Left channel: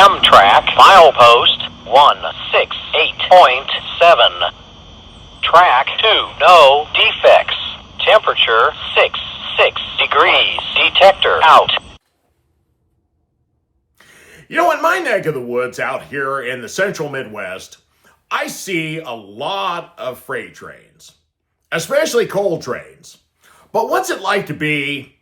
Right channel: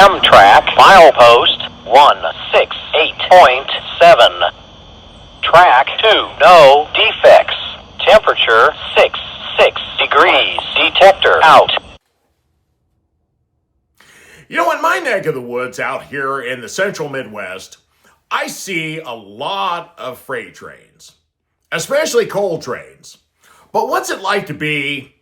Amtrak, milepost 168.7. Track 2, no defects. Temperature 6 degrees. Detector out. You know, in my neck of the woods out here in the central Midwest, I see a lot of freight trains, especially coal trains. But what's it like to be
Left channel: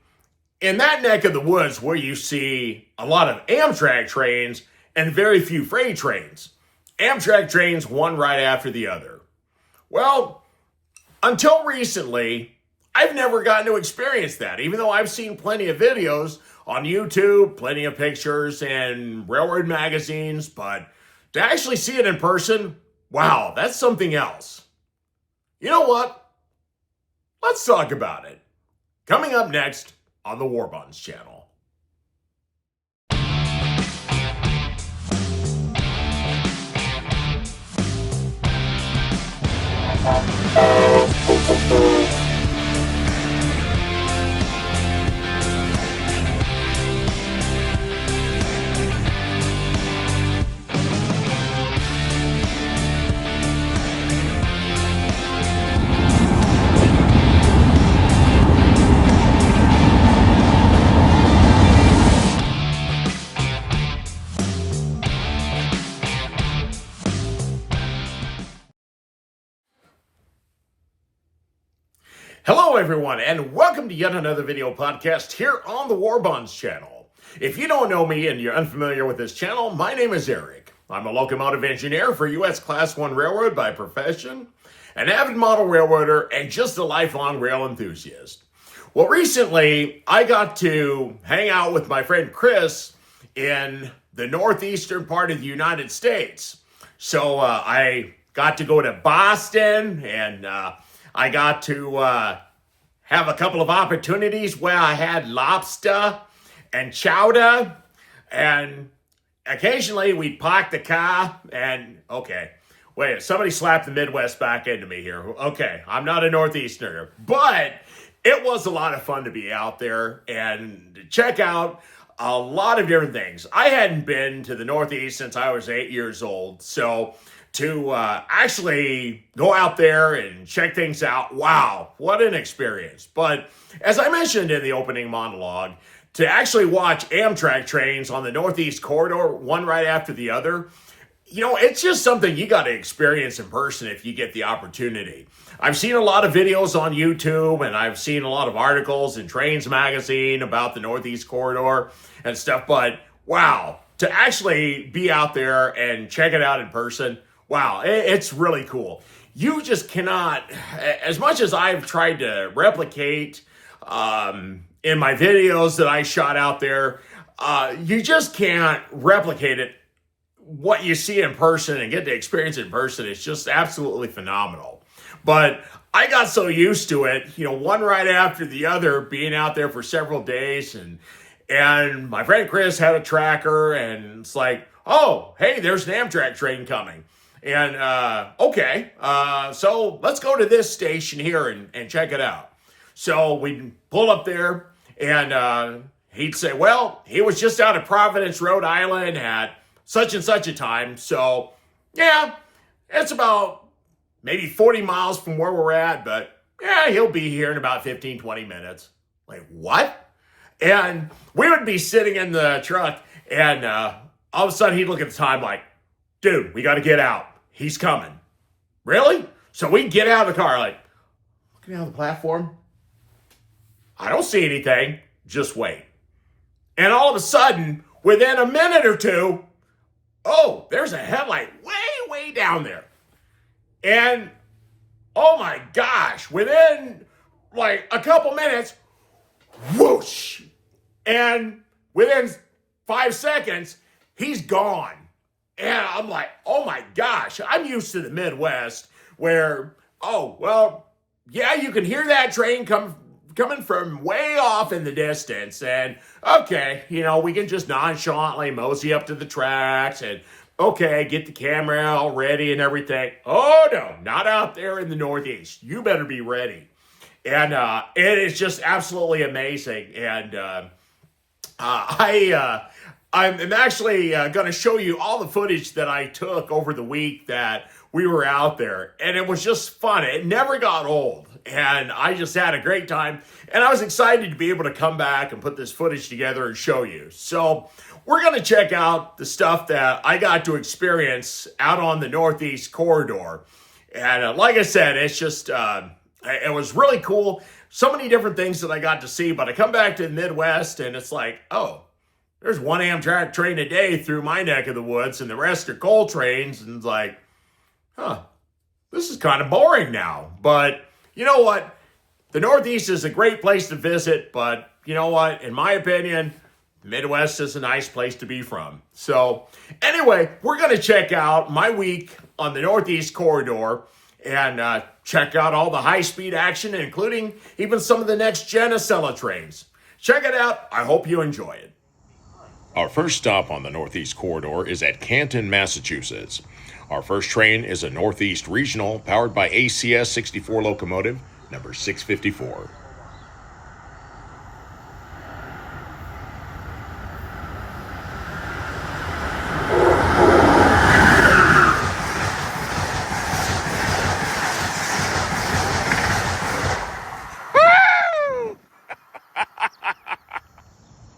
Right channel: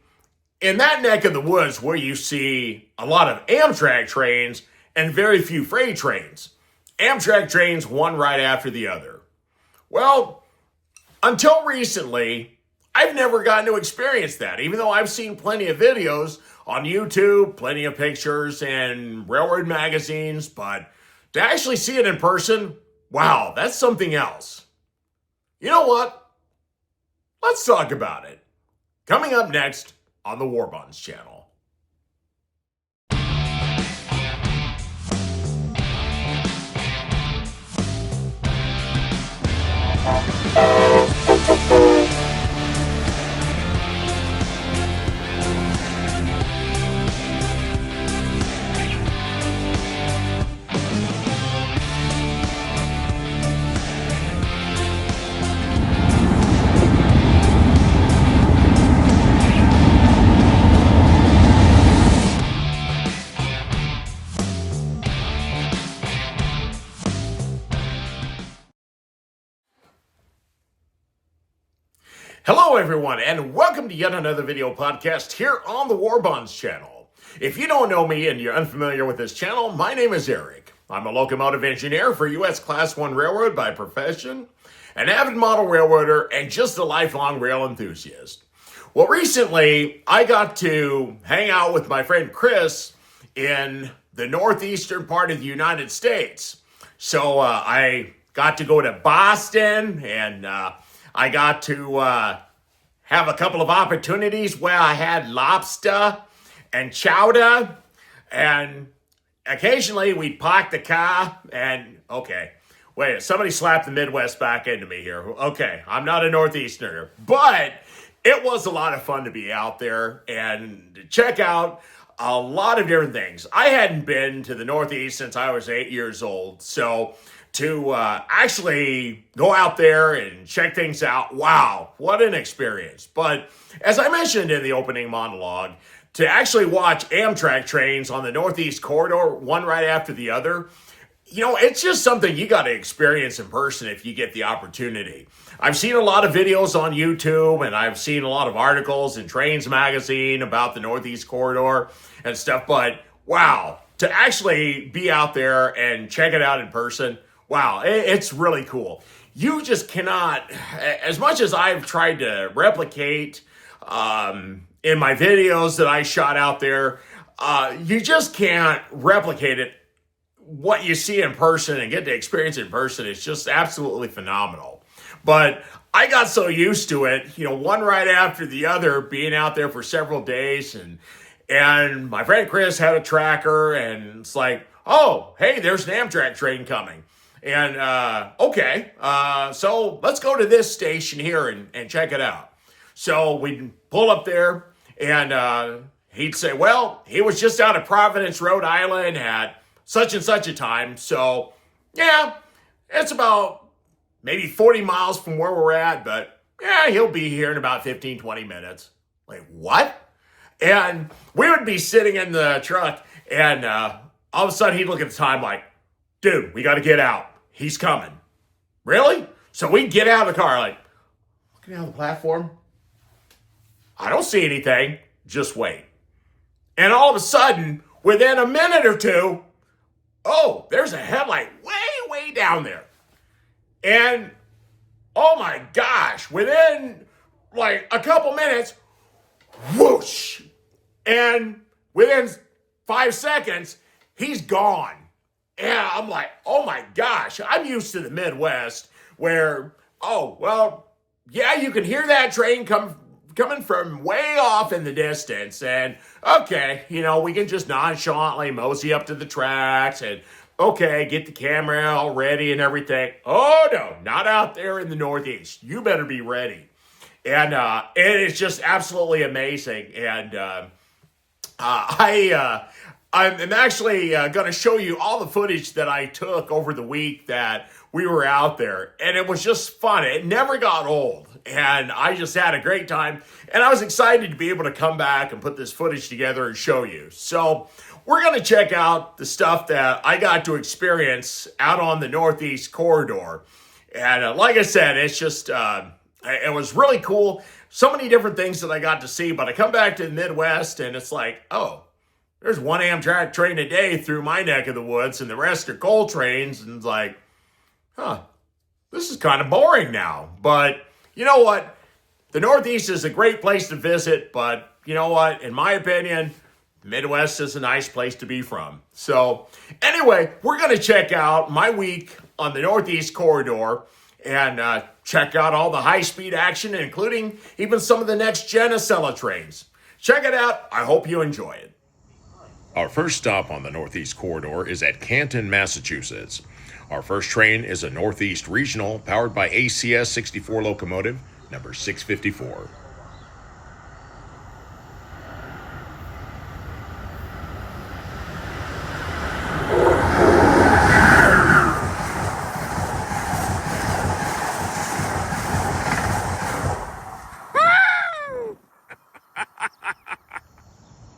in that neck of the woods where you see a lot of Amtrak trains and very few freight trains? Amtrak trains one right after the other. Well, until recently, I've never gotten to experience that, even though I've seen plenty of videos on YouTube, plenty of pictures and railroad magazines, but to actually see it in person, wow, that's something else. You know what? Let's talk about it. Coming up next on the War Bonds channel. Hello everyone, and welcome to yet another video podcast here on the War Bonds channel. If you don't know me and you're unfamiliar with this channel, my name is Eric. I'm a locomotive engineer for U.S. Class 1 Railroad by profession, an avid model railroader, and just a lifelong rail enthusiast. Well, recently, I got to hang out with my friend Chris in the northeastern part of the United States. So I got to go to Boston, and I got to have a couple of opportunities where I had lobster and chowder, and occasionally we'd park the car and, okay, wait, somebody slapped the Midwest back into me here. Okay, I'm not a Northeasterner, but it was a lot of fun to be out there and to check out a lot of different things. I hadn't been to the Northeast since I was 8 years old, so to actually go out there and check things out, wow, what an experience. But as I mentioned in the opening monologue, to actually watch Amtrak trains on the Northeast Corridor, one right after the other, you know, it's just something you got to experience in person if you get the opportunity. I've seen a lot of videos on YouTube, and I've seen a lot of articles in Trains Magazine about the Northeast Corridor and stuff, but wow, to actually be out there and check it out in person, wow, it's really cool. You just cannot, as much as I've tried to replicate in my videos that I shot out there, you just can't replicate it. What you see in person and get to experience in person is just absolutely phenomenal. But I got so used to it, you know, one right after the other, being out there for several days, and my friend Chris had a tracker, and it's like, oh, hey, there's an Amtrak train coming. And, okay, so let's go to this station here and check it out. So we'd pull up there, and he'd say, well, he was just out of Providence, Rhode Island at such and such a time. So, yeah, it's about maybe 40 miles from where we're at, but yeah, he'll be here in about 15, 20 minutes. Like, what? And we would be sitting in the truck, and all of a sudden he'd look at the time like, dude, we got to get out. He's coming. Really? So we get out of the car, like, looking down the platform. I don't see anything. Just wait. And all of a sudden, within a minute or two, oh, there's a headlight way down there. And, oh my gosh, within like a couple minutes, whoosh. And within 5 seconds, he's gone. And I'm like, oh my gosh, I'm used to the Midwest where, oh, well, yeah, you can hear that train coming from way off in the distance. And, okay, you know, we can just nonchalantly mosey up to the tracks and, okay, get the camera all ready and everything. Oh, no, not out there in the Northeast. You better be ready. And it is just absolutely amazing. And I I'm actually going to show you all the footage that I took over the week that we were out there. And it was just fun. It never got old. And I just had a great time. And I was excited to be able to come back and put this footage together and show you. So we're going to check out the stuff that I got to experience out on the Northeast Corridor. And like I said, it's just, it was really cool. So many different things that I got to see. But I come back to the Midwest and it's like, oh, there's one Amtrak train a day through my neck of the woods and the rest are coal trains. And it's like, this is kind of boring now. But you know what? The Northeast is a great place to visit. But you know what? In my opinion, the Midwest is a nice place to be from. So anyway, we're going to check out my week on the Northeast Corridor and check out all the high-speed action, including even some of the Next Gen Acela trains. Check it out. I hope you enjoy it. Our first stop on the Northeast Corridor is at Canton, Massachusetts. Our first train is a Northeast Regional powered by ACS 64 locomotive, number 654.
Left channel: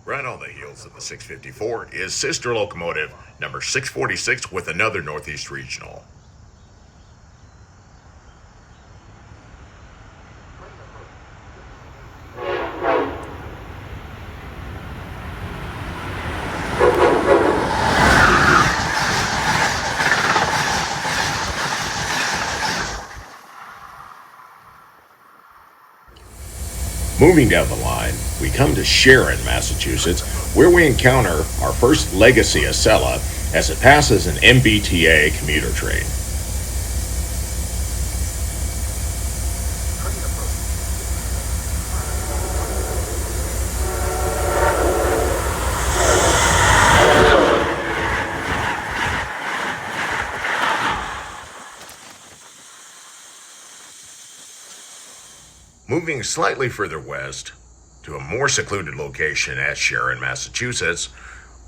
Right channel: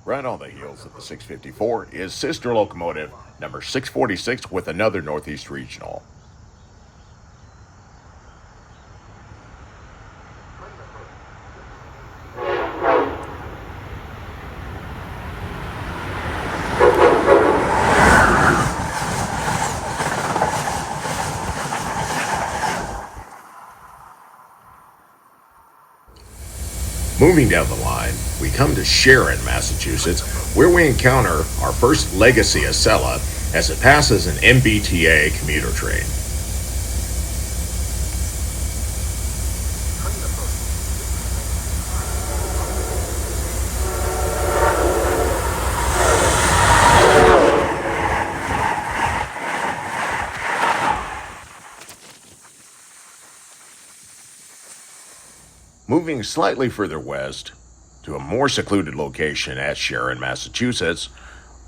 Right on the heels of the 654 is sister locomotive number 646 with another Northeast Regional. Moving down the line, we come to Sharon, Massachusetts, where we encounter our first legacy Acela as it passes an MBTA commuter train. Moving slightly further west to a more secluded location at Sharon, Massachusetts,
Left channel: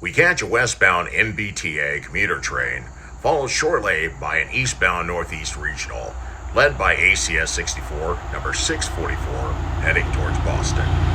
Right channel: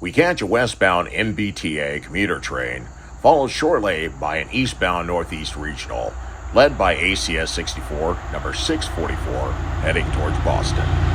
we catch a westbound MBTA commuter train, followed shortly by an eastbound Northeast Regional, led by ACS 64, number 644, heading towards Boston.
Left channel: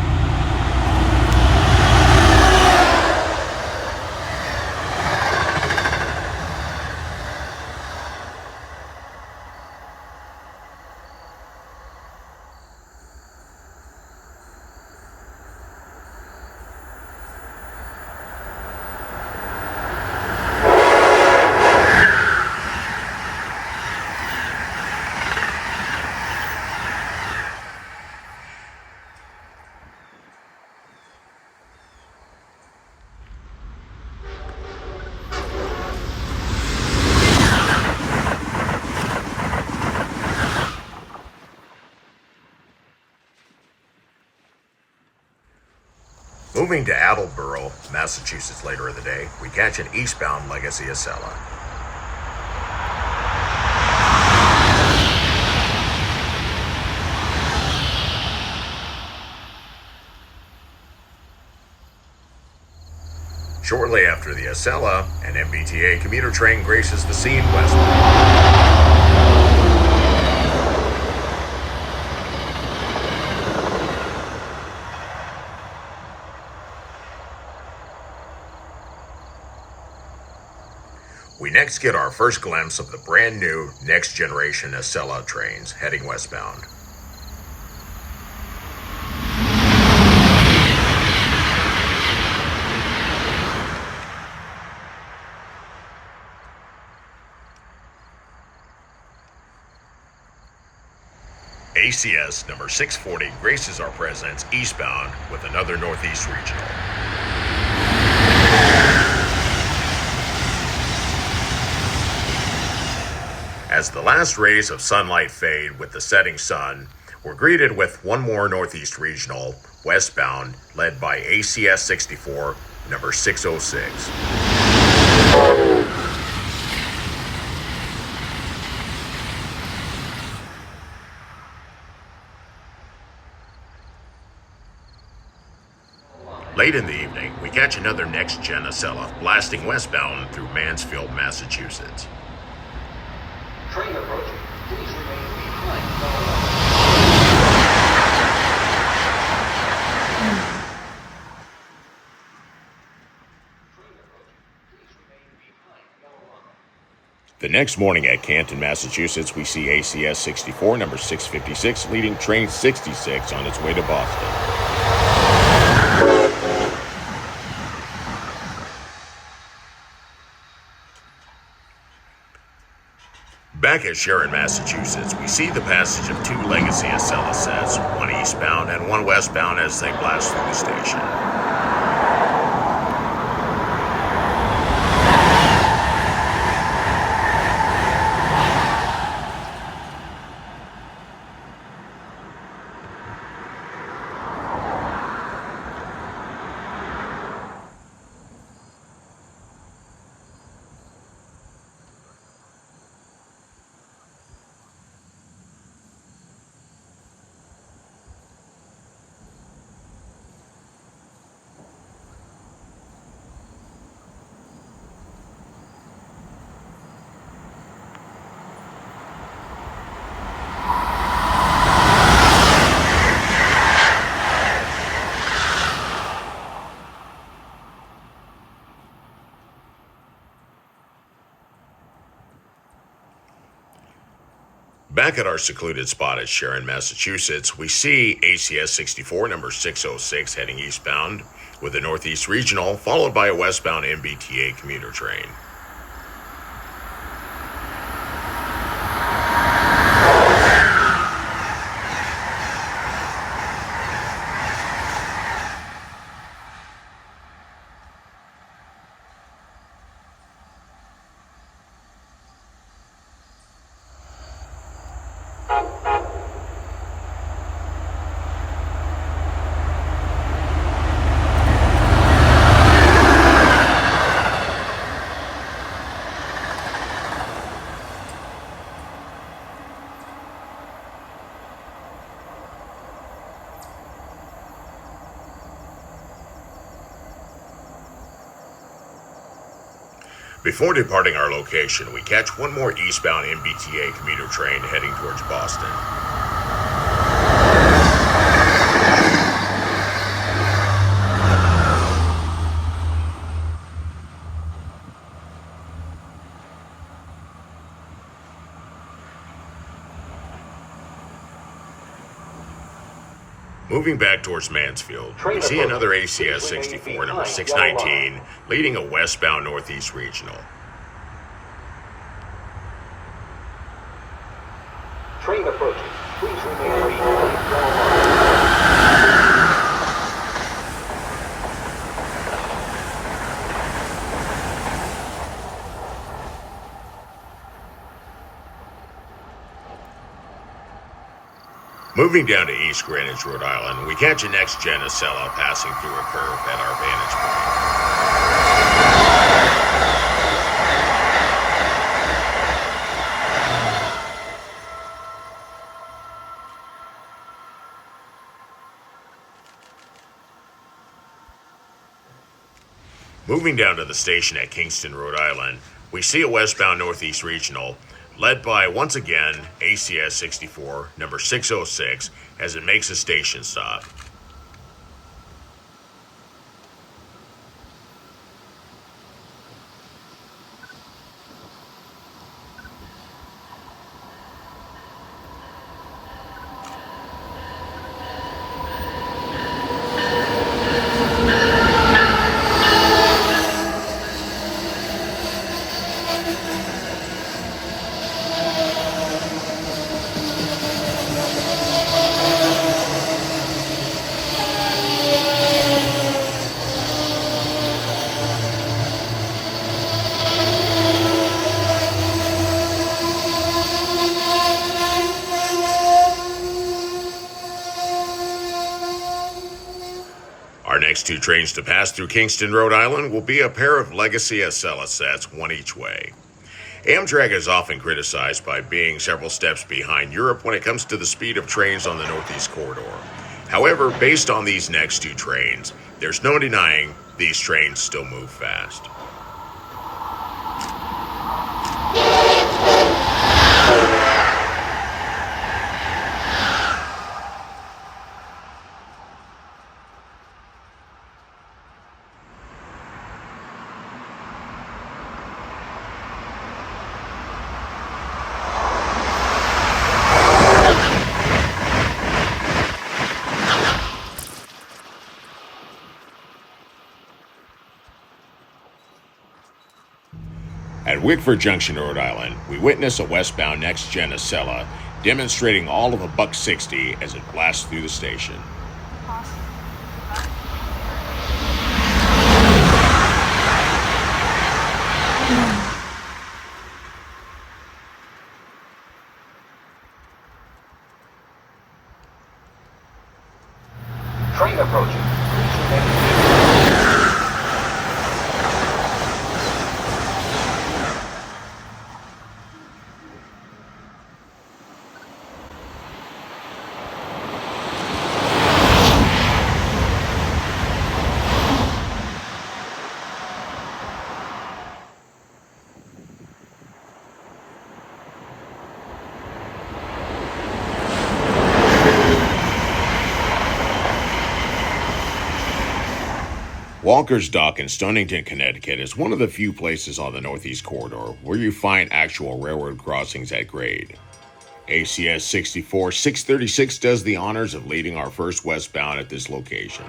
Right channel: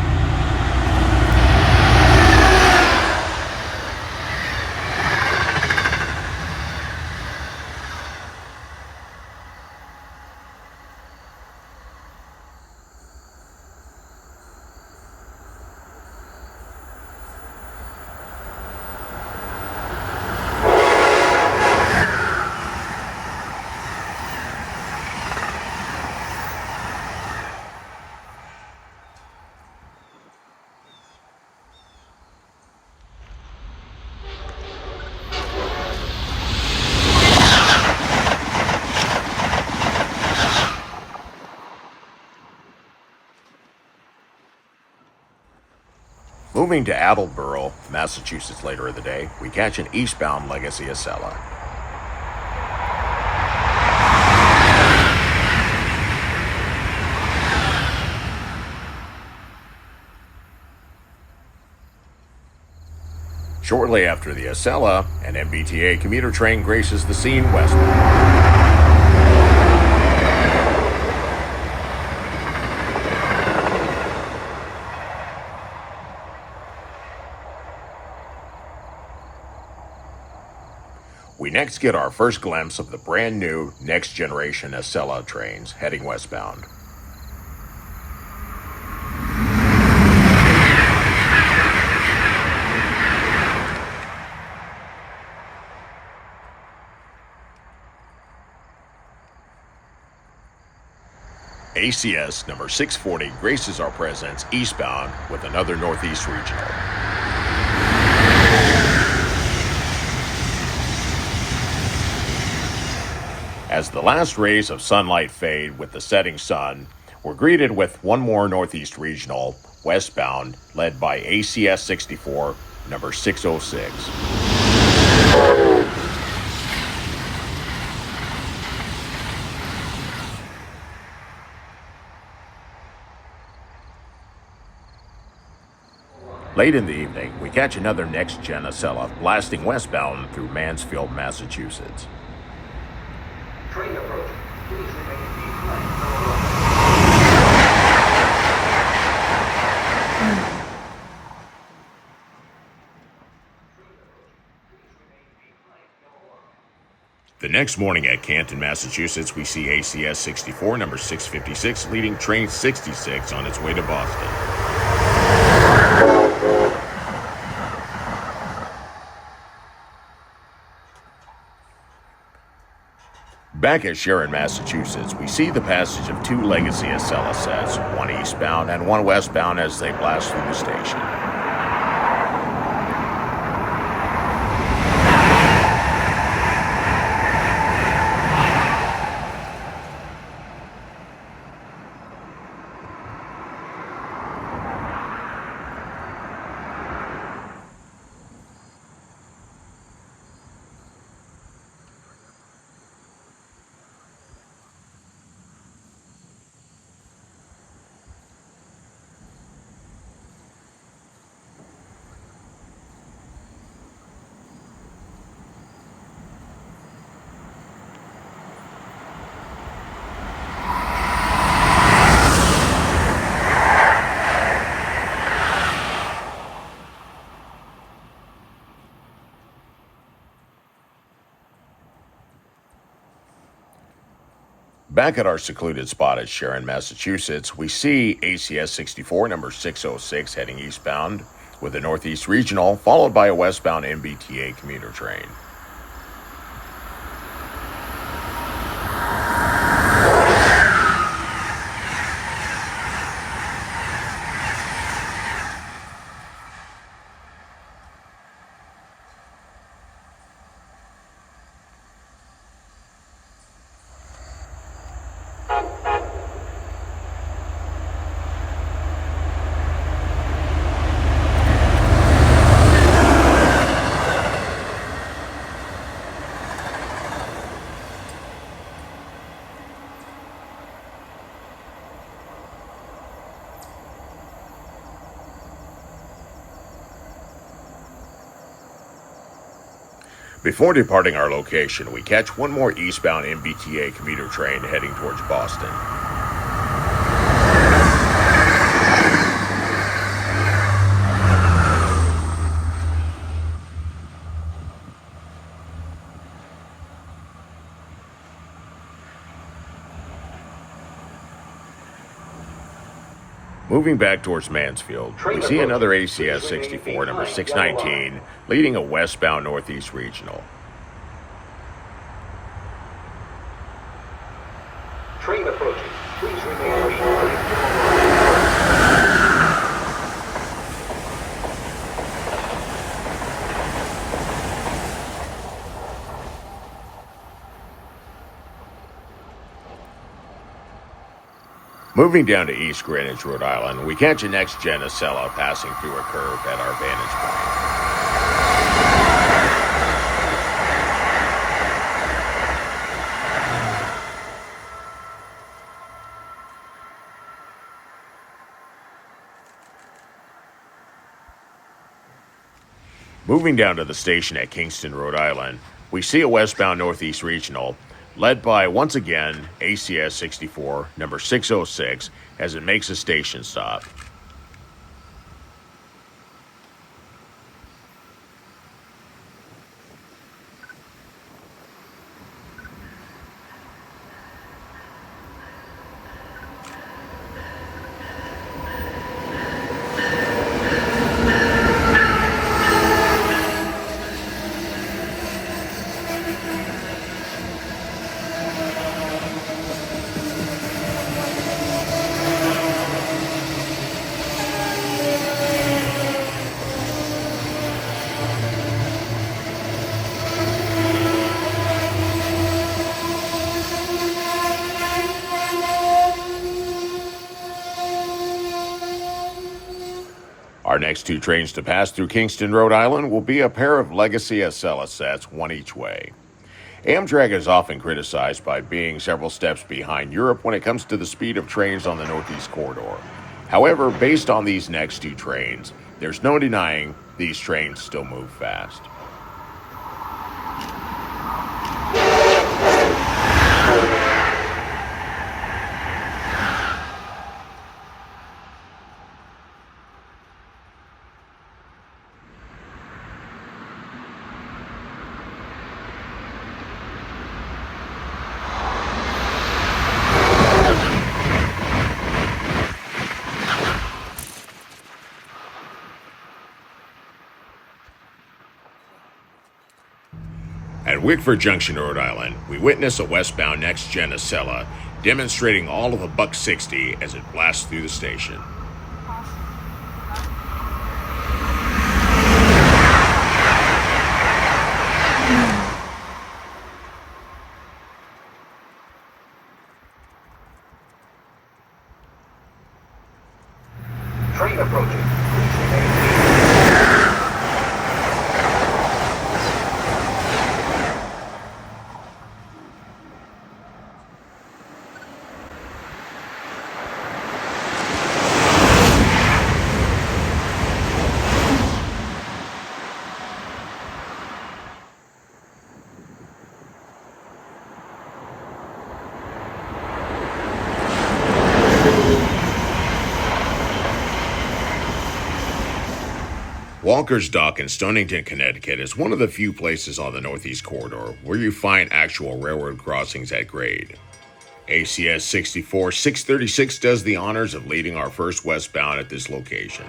Moving to Attleboro, Massachusetts later in the day, we catch an eastbound legacy Acela. Shortly after the Acela, an MBTA commuter train graces the scene westbound. We next get our first glimpse of the brand new Next Generation Acela trains heading westbound. ACS number 640 graces our presence eastbound with another Northeast Regional. As the last rays of sunlight fade with the setting sun, we're greeted with one more Northeast Regional, westbound, led by ACS 64, number 606. Late in the evening, we catch another Next Gen Acela blasting westbound through Mansfield, Massachusetts. Train approaching. Please remain behind. The next morning at Canton, Massachusetts, we see ACS 64, number 656, leading train 66 on its way to Boston. Back at Sharon, Massachusetts, we see the passage of two legacy Acela sets, one eastbound and one westbound as they blast through the station. Back at our secluded spot at Sharon, Massachusetts, we see ACS 64, number 606, heading eastbound with a Northeast Regional, followed by a westbound MBTA commuter train. Before departing our location, we catch one more eastbound MBTA commuter train heading towards Boston. Moving back towards Mansfield, we see another ACS 64, number 619, leading a westbound Northeast Regional. Train approaching. Please remain behind. Moving down to East Greenwich, Rhode Island, we catch a Next Gen Acela passing through a curve at our vantage point. Moving down to the station at Kingston, Rhode Island, we see a westbound Northeast Regional led by, once again, ACS 64, number 606, as it makes a station stop. Our next two trains to pass through Kingston, Rhode Island will be a pair of legacy Acela sets, one each way. Amtrak is often criticized by being several steps behind Europe when it comes to the speed of trains on the Northeast Corridor. However, based on these next two trains, There's no denying these trains still move fast. At Wickford Junction, Rhode Island, we witness a westbound Next Gen Acela demonstrating all of a buck 60 as it blasts through the station. Train approaching. Please remain Walker's Dock in Stonington, Connecticut is one of the few places on the Northeast Corridor where you find actual railroad crossings at grade. ACS 64636 does the honors of leading our first westbound at this location.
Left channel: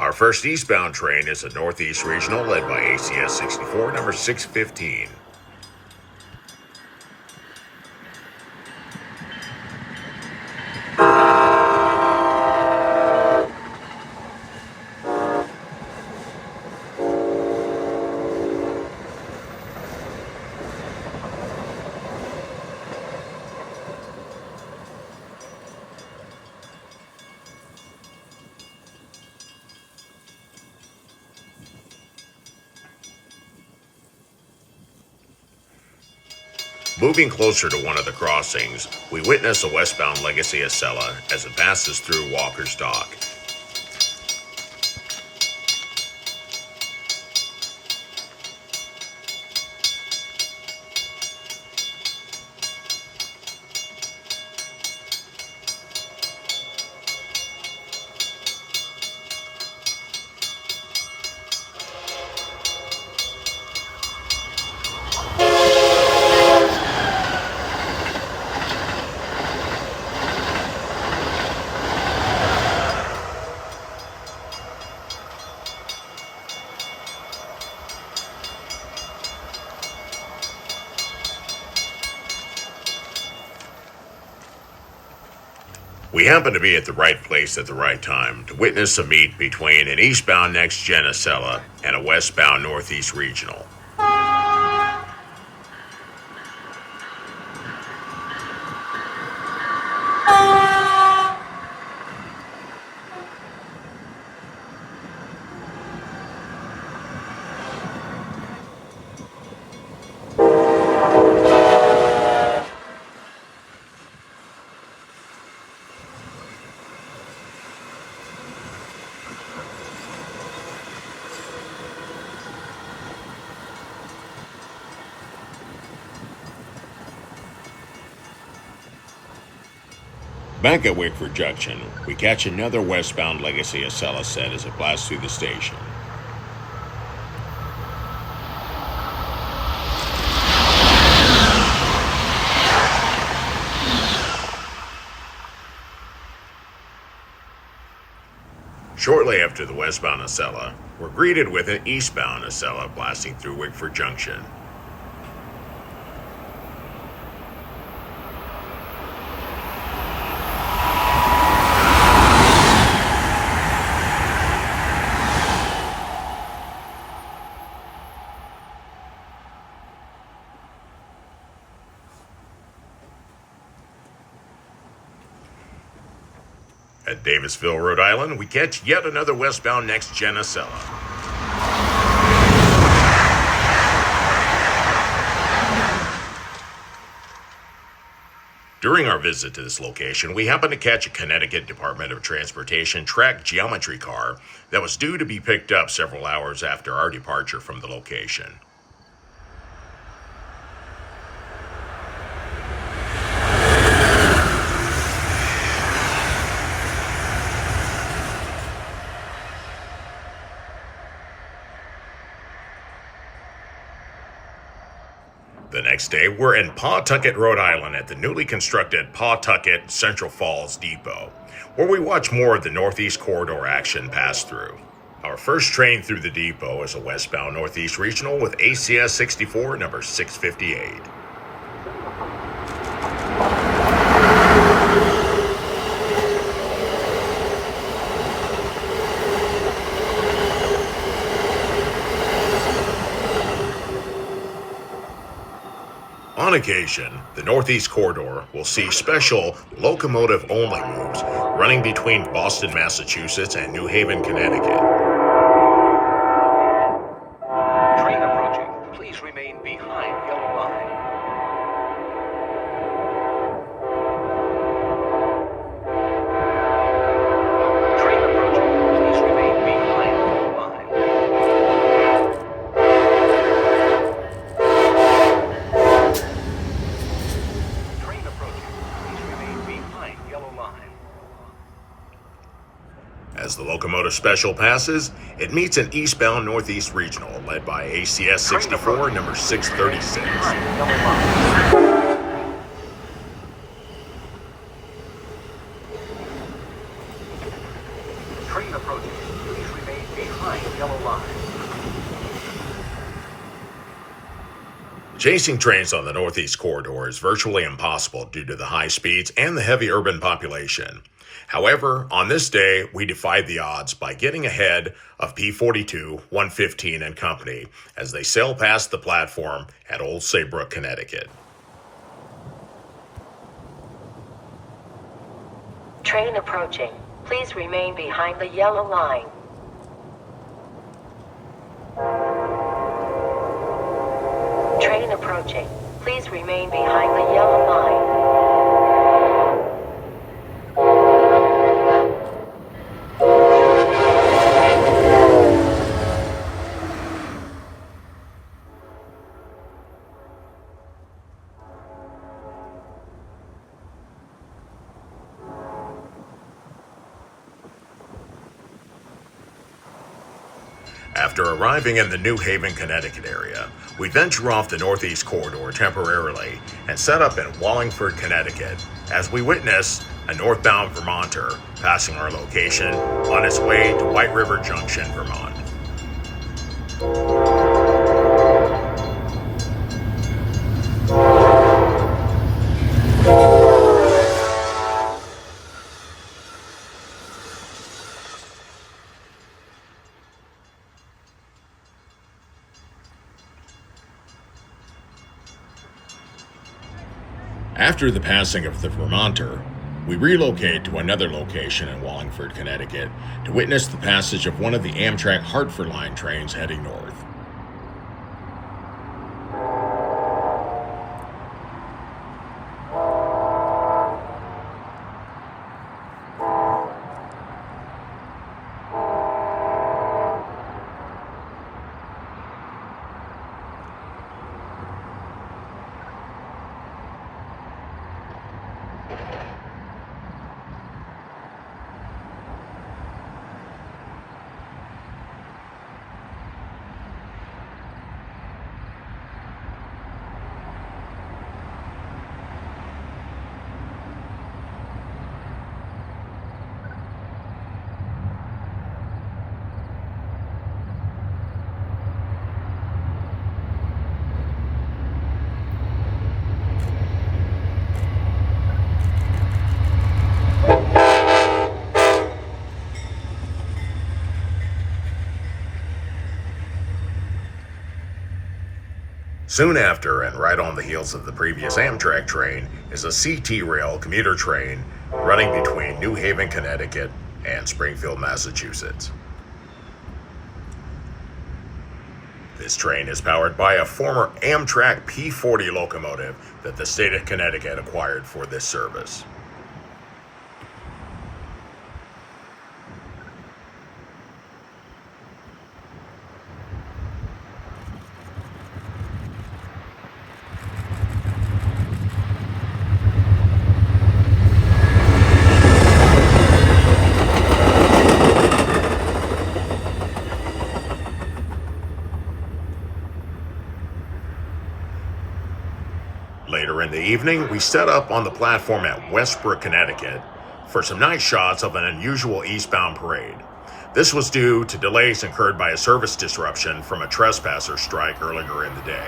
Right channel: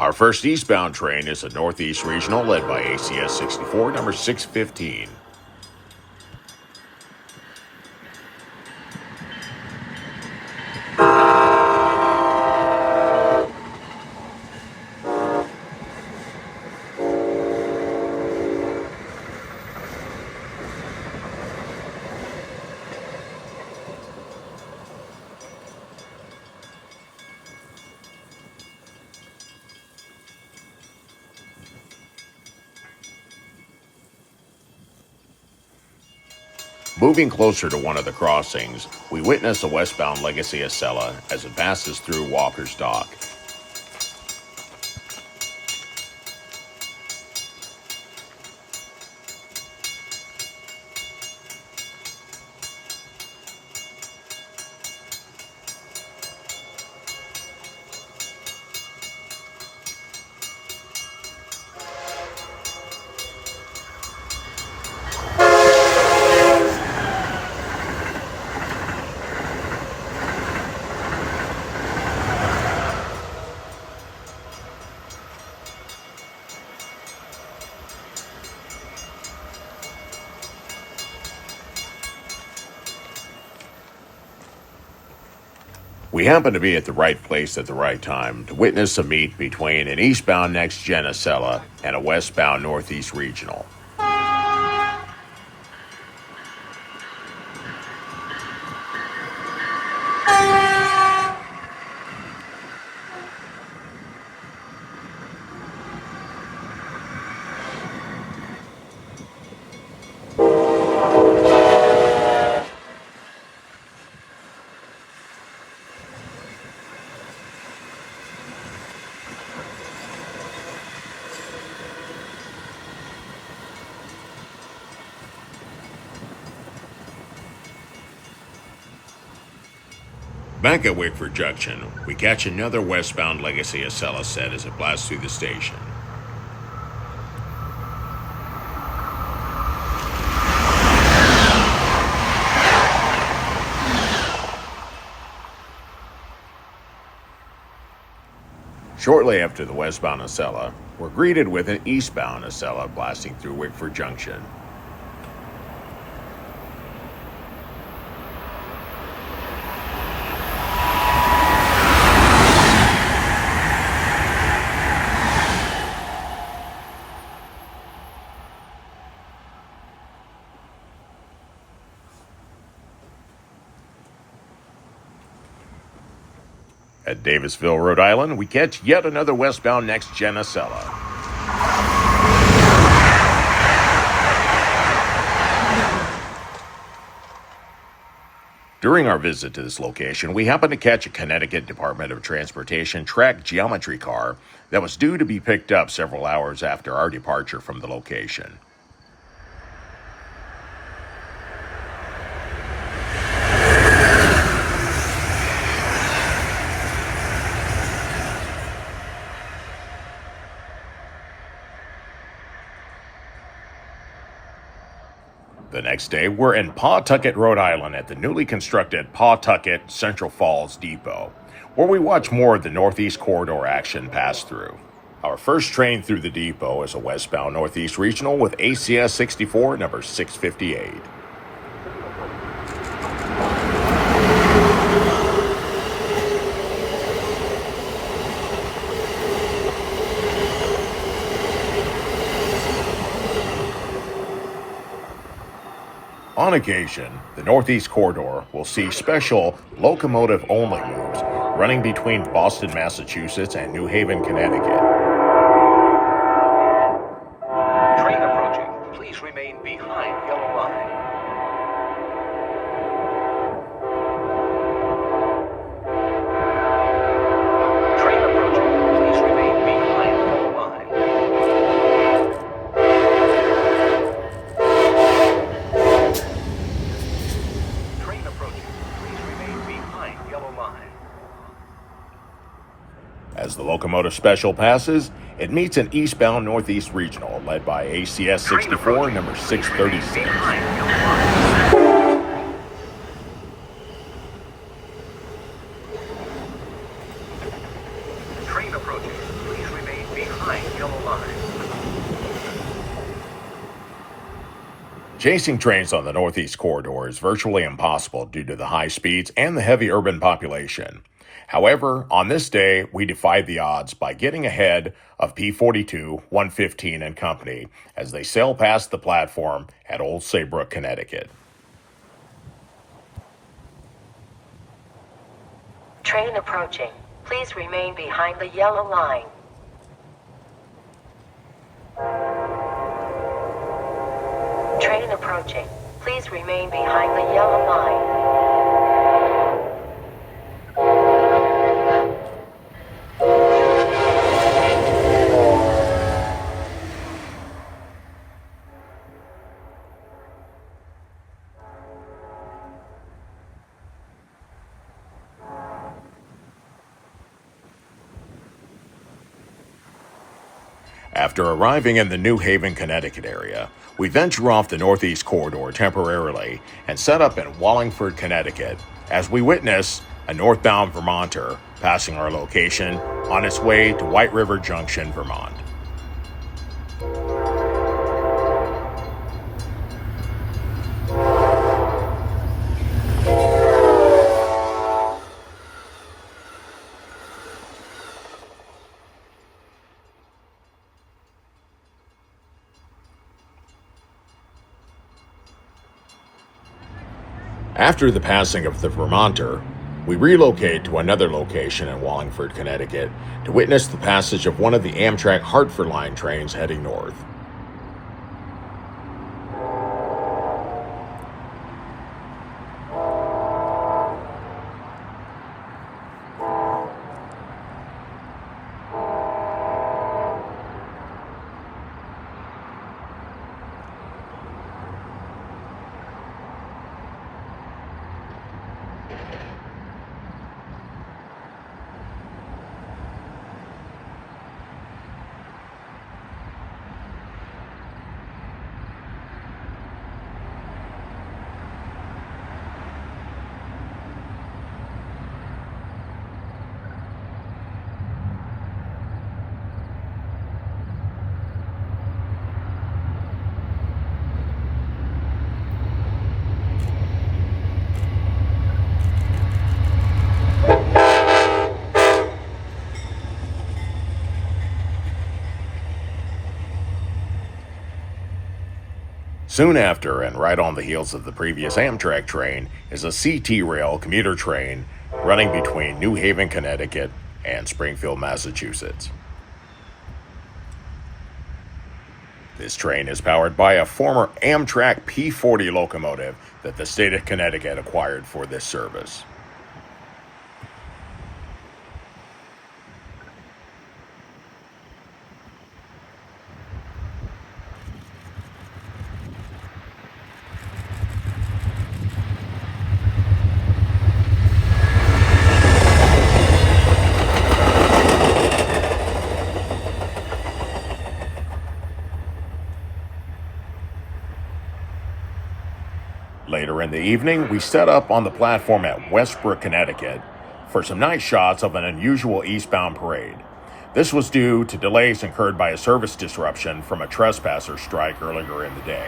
Our first eastbound train is a Northeast Regional led by ACS 64, number 615. Moving closer to one of the crossings, we witness a westbound Legacy Acela as it passes through Walker's Dock. We happen to be at the right place at the right time to witness a meet between an eastbound Next Gen Acela and a westbound Northeast Regional. Back at Wickford Junction, we catch another westbound Legacy Acela set as it blasts through the station. Shortly after the westbound Acela, we're greeted with an eastbound Acela blasting through Wickford Junction. At Davisville, Rhode Island, we catch yet another westbound Next Gen Acela. During our visit to this location, we happened to catch a Connecticut Department of Transportation track geometry car that was due to be picked up several hours after our departure from the location. The next day, we're in Pawtucket, Rhode Island at the newly constructed Pawtucket Central Falls Depot, where we watch more of the Northeast Corridor action pass through. Our first train through the depot is a westbound Northeast Regional with Acela 64, number 658. On occasion, the Northeast Corridor will see special locomotive-only moves running between Boston, Massachusetts and New Haven, Connecticut. Train approaching. Please remain behind yellow line. Train approaching. Please remain behind yellow line. Train approaching. Please remain behind yellow line. As the locomotive special passes, it meets an eastbound Northeast Regional led by Acela 64, number 636. Train approaching. Please remain behind yellow line. Chasing trains on the Northeast Corridor is virtually impossible due to the high speeds and the heavy urban population. However, on this day, we defied the odds by getting ahead of P42, 115 and company as they sail past the platform at Old Saybrook, Connecticut. Train approaching. Please remain behind the yellow line. Train approaching. Please remain behind the yellow line. After arriving in the New Haven, Connecticut area, we venture off the Northeast Corridor temporarily and set up in Wallingford, Connecticut, as we witness a northbound Vermonter passing our location on its way to White River Junction, Vermont. After the passing of the Vermonter, we relocate to another location in Wallingford, Connecticut to witness the passage of one of the Amtrak Hartford Line trains heading north. Soon after, and right on the heels of the previous Amtrak train, is a CT Rail commuter train running between New Haven, Connecticut and Springfield, Massachusetts. This train is powered by a former Amtrak P40 locomotive that the state of Connecticut acquired for this service. Later in the evening, we set up on the platform at Westbrook, Connecticut for some nice shots of an unusual eastbound parade. This was due to delays incurred by a service disruption from a trespasser strike earlier in the day.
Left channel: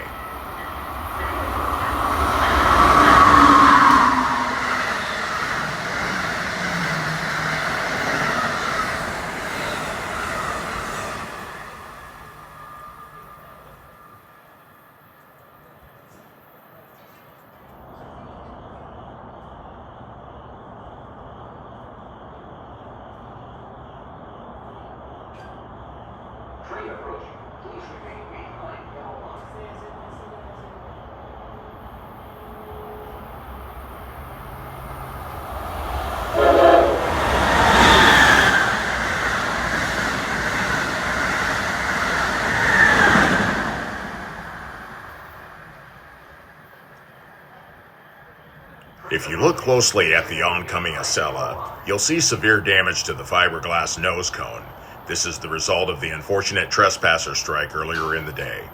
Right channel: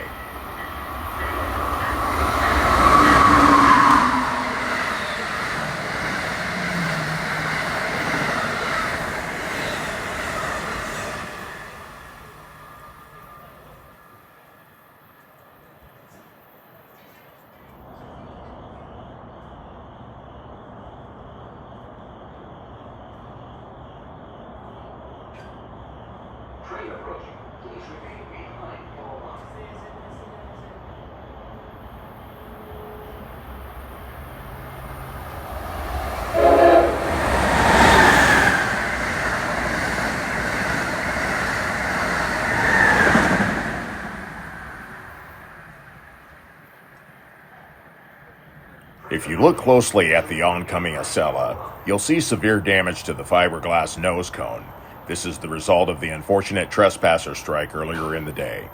If you look closely at the oncoming Acela, you'll see severe damage to the fiberglass nose cone. This is the result of the unfortunate trespasser strike earlier in the day.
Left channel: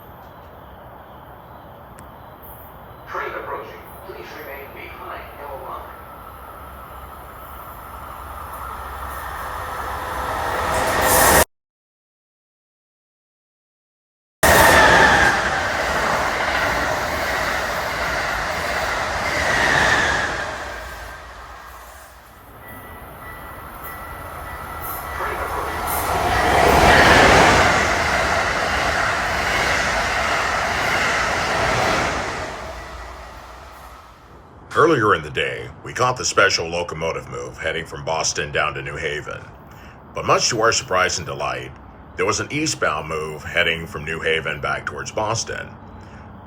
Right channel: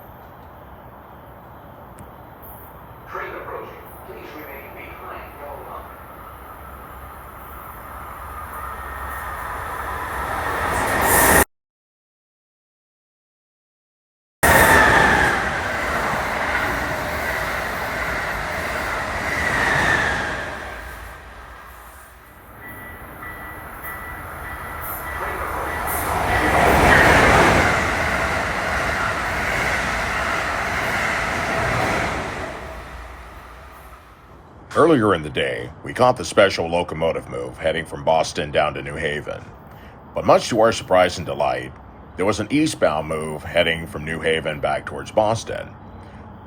Train approaching. Please remain behind yellow line. Earlier in the day, we caught the special locomotive move heading from Boston down to New Haven. But much to our surprise and delight, there was an eastbound move heading from New Haven back towards Boston.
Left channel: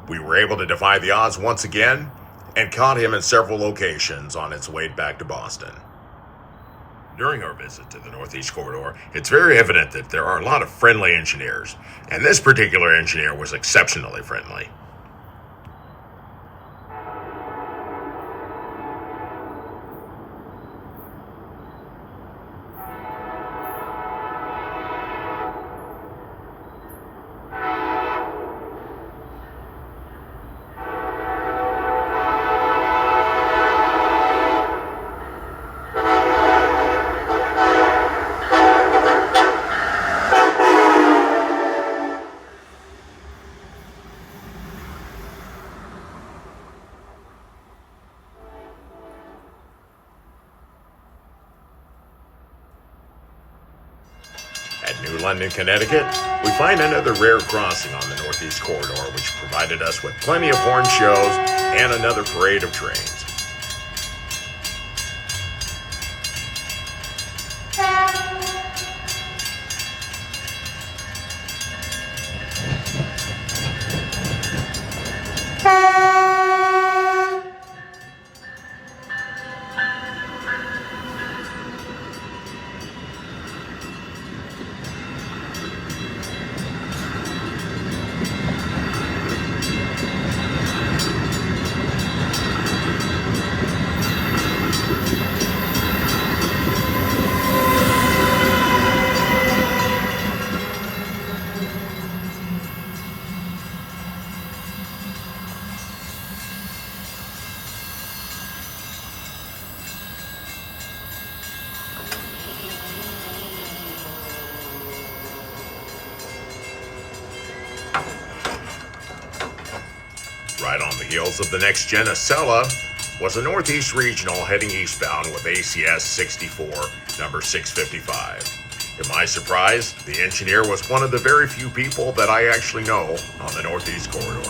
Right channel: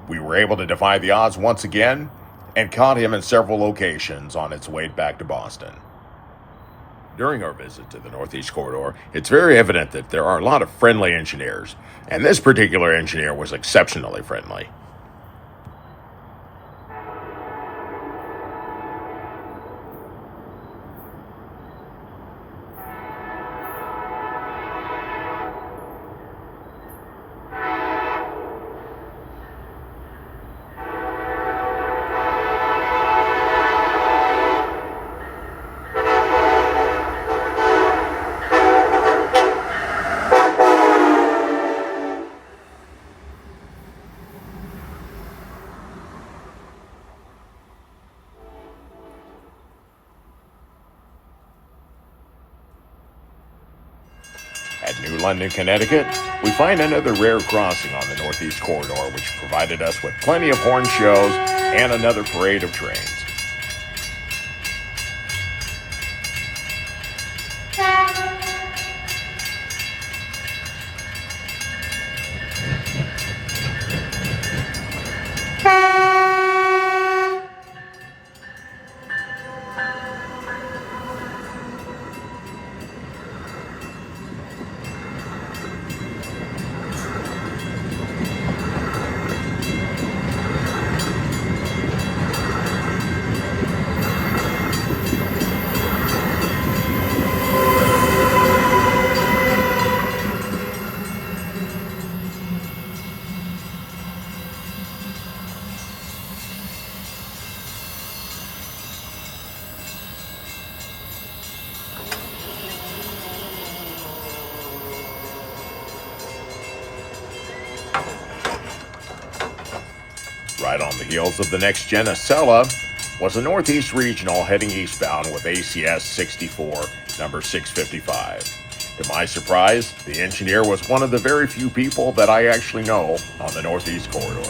We were able to defy the odds once again and caught him in several locations on its way back to Boston. During our visit to the Northeast Corridor, it's very evident that there are a lot of friendly engineers, and this particular engineer was exceptionally friendly. At New London, Connecticut, we find another rare crossing on the Northeast Corridor, which provided us with plenty of horn shows and another parade of trains. Right on the heels of the Next Gen Acela was a Northeast Regional heading eastbound with ACS 64, number 655. To my surprise, the engineer was one of the very few people that I actually know on the Northeast Corridor.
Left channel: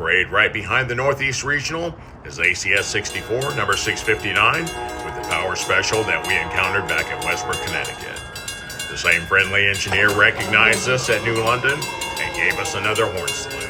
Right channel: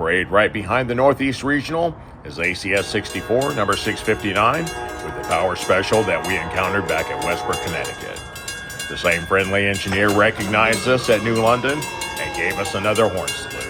parade right behind the Northeast Regional is ACS 64, number 659, with the power special that we encountered back at Westport, Connecticut. The same friendly engineer recognized us at New London and gave us another horn sniff.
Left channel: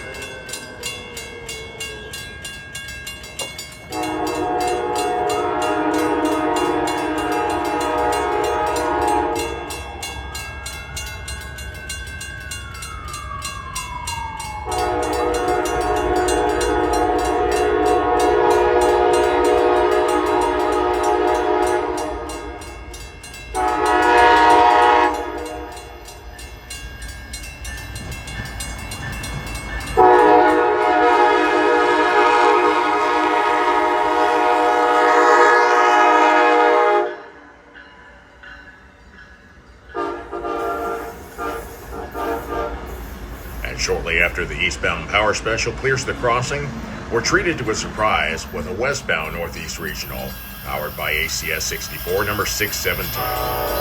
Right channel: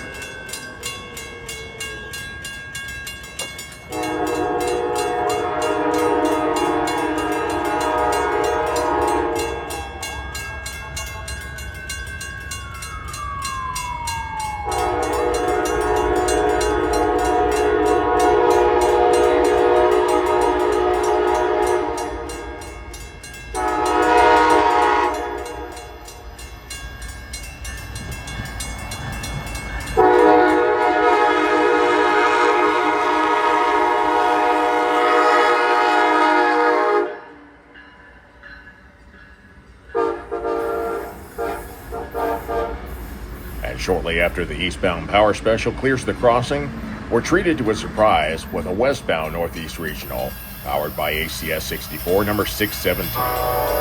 Shortly after the eastbound power special clears the crossing, we're treated to a surprise with a westbound Northeast Regional, powered by ACS 64, number 617.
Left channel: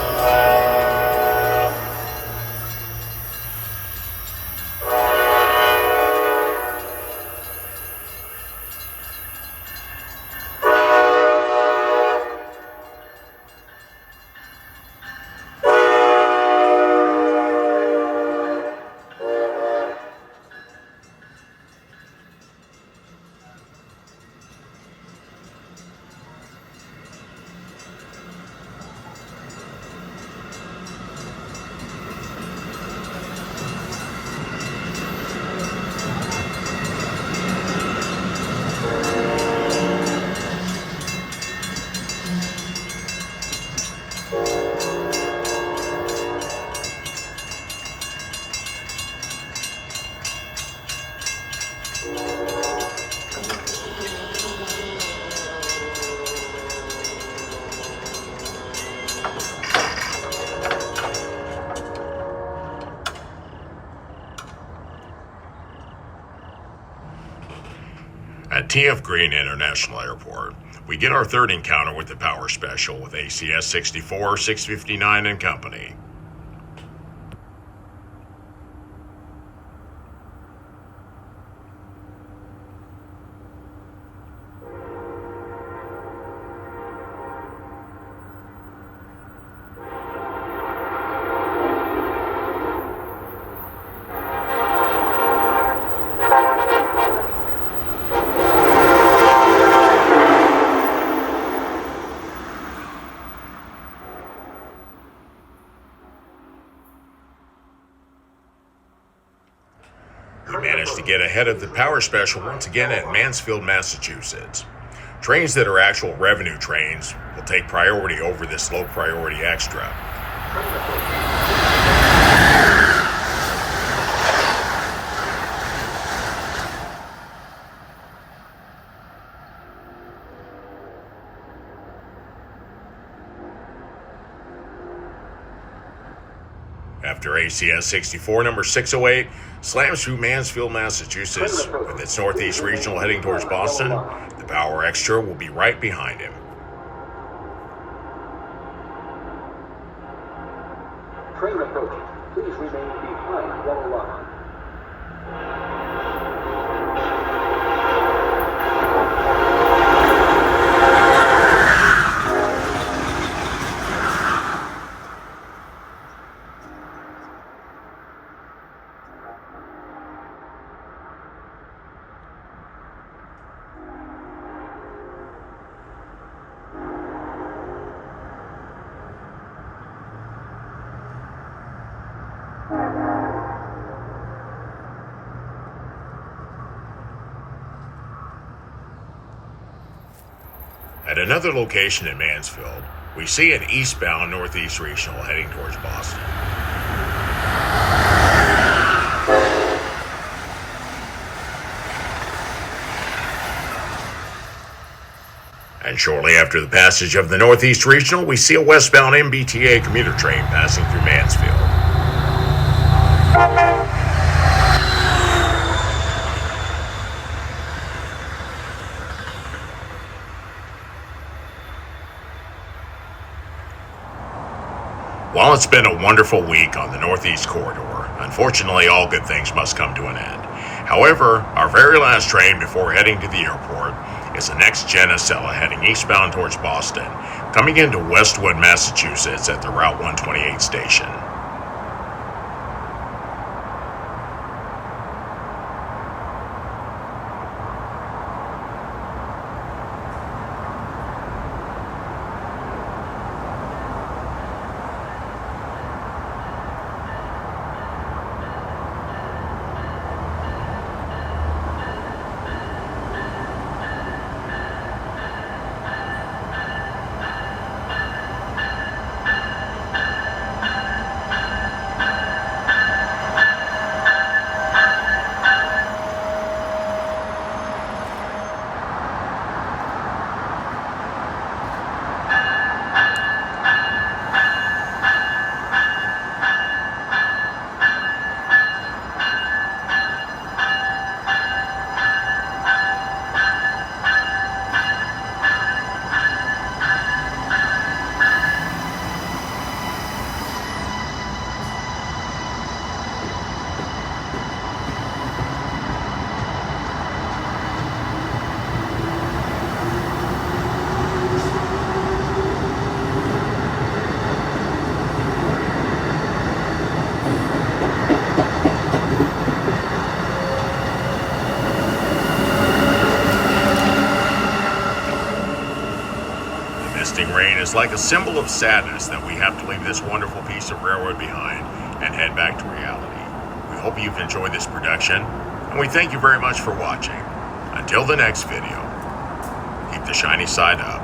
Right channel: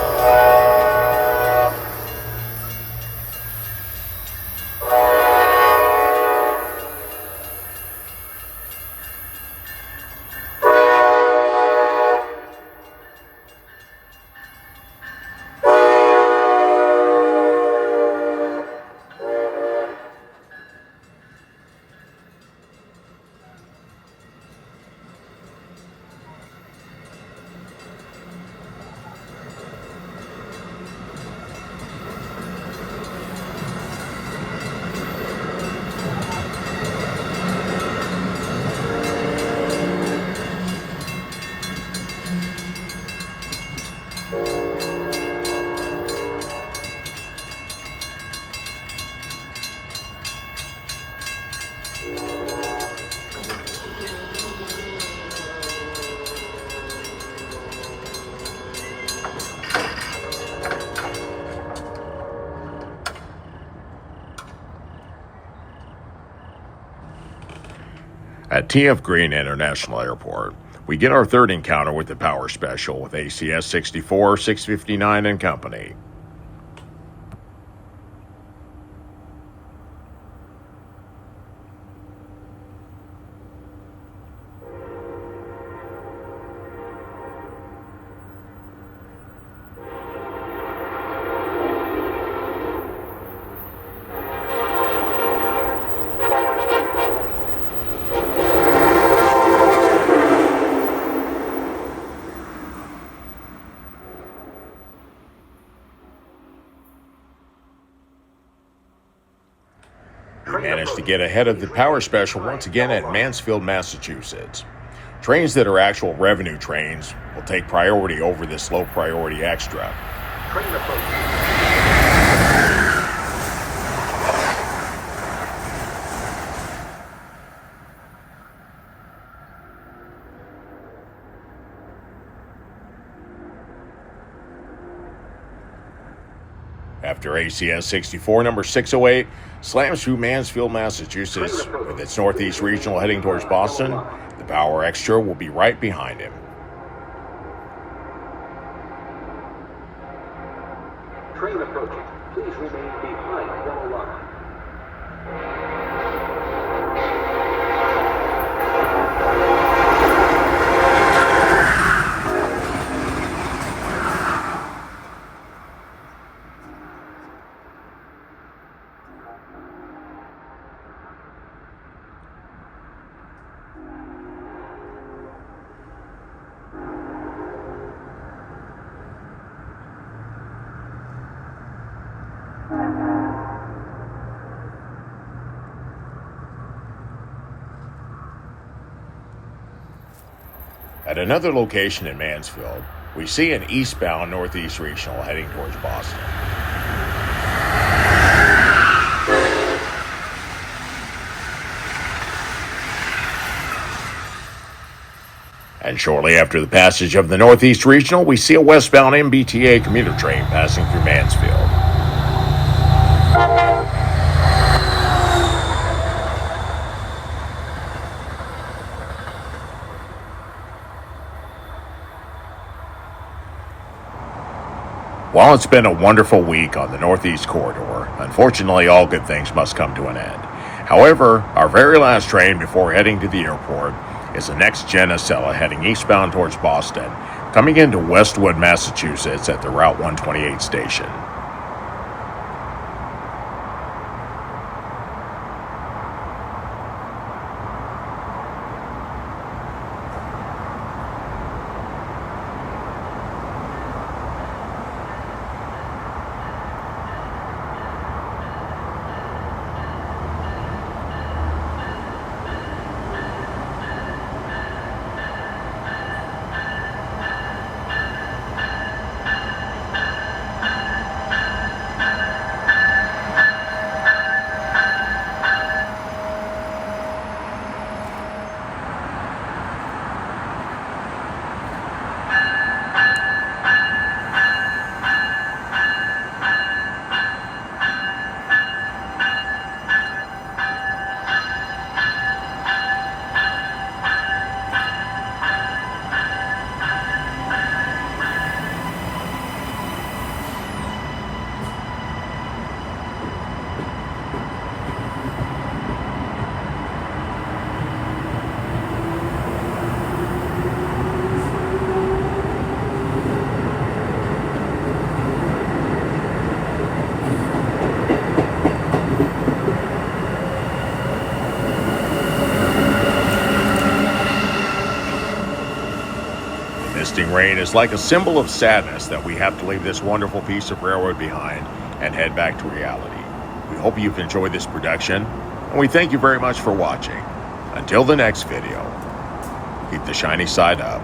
At TF Green International Airport, we get our third encounter with the power special with ACS 64, 659 and company. Managed to get ahead of the power special once again at Mansfield, Massachusetts. Trains that are actual revenue trains will take priority over this low priority extra. After ACS 64, number 608, slams through Mansfield, Massachusetts, with its Northeast Regional heading towards Boston, the power extra will be right behind him. Train approaching. Please remain behind the line. At another location in Mansfield, we see an eastbound Northeast Regional heading towards Boston. And shortly after the passage of the Northeast Regional, we see a westbound MBTA commuter train passing through Mansfield. While it's been a wonderful week on the Northeast Corridor, unfortunately all good things must come to an end. However, our very last train before heading to the airport is the Next Gen Acela heading eastbound towards Boston, coming into Westwood, Massachusetts at the Route 128 station. Rain is like a symbol of sadness that we have to leave this wonderful piece of railroad behind and head back to reality. We hope you've enjoyed this production, and we thank you very much for watching. Until the next video, keep the shiny side up.